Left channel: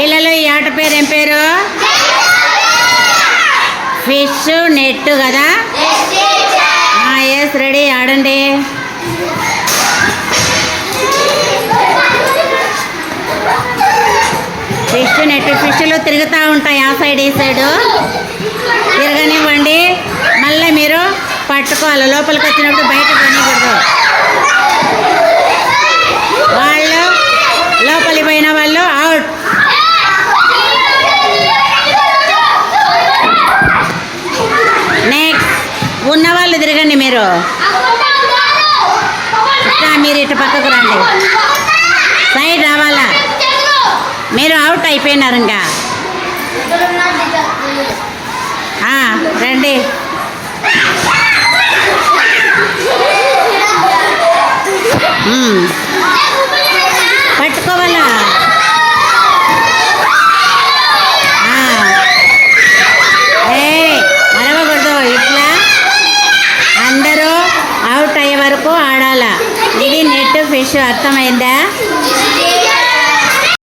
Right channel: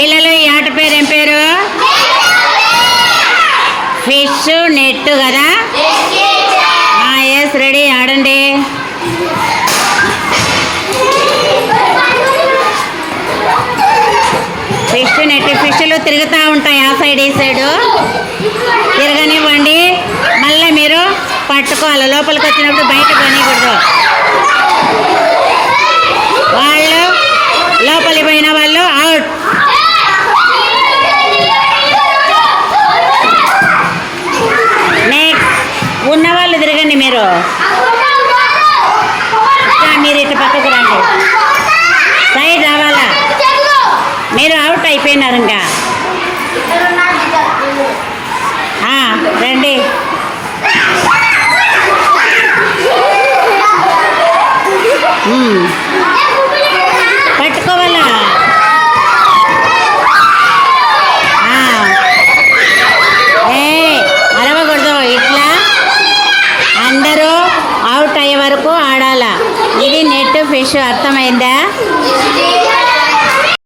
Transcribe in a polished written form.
పిల్లలు ఈ ఆట పేరు ఏం పేరు? ఫిష్ నెట్ కదా. ఎస్ రెడీ, ఆడండి. ఫిష్ నెట్, ఫిష్లు తిరుగుతూ ఉంటాయి ఆ సైడ్ ఈ సైడు. తిరగనివ్వండి, మళ్ళీ మీరు పట్టుకోవాలి. లోపలికి వచ్చినప్పుడు బయట కొనికూడదు. వాళ్ళు లోపలికి పోయిన వాళ్ళు అవుట్. నెక్స్ట్ ఉన్నవాళ్ళు తిరగండి. మీరు మీరు ఇటు పక్కకు రండి, సైడ్ రావాలా. మీరు అవుట్ అయిపోయినారు ఇంకా. రండి. పట్టుకోవాలా. అరవకూడదు. ఇట్లా అందరూ అవుట్ అయ్యే వరకు ఆడాలా. ఇది నెట్ ఫిష్, అర్థమైందా?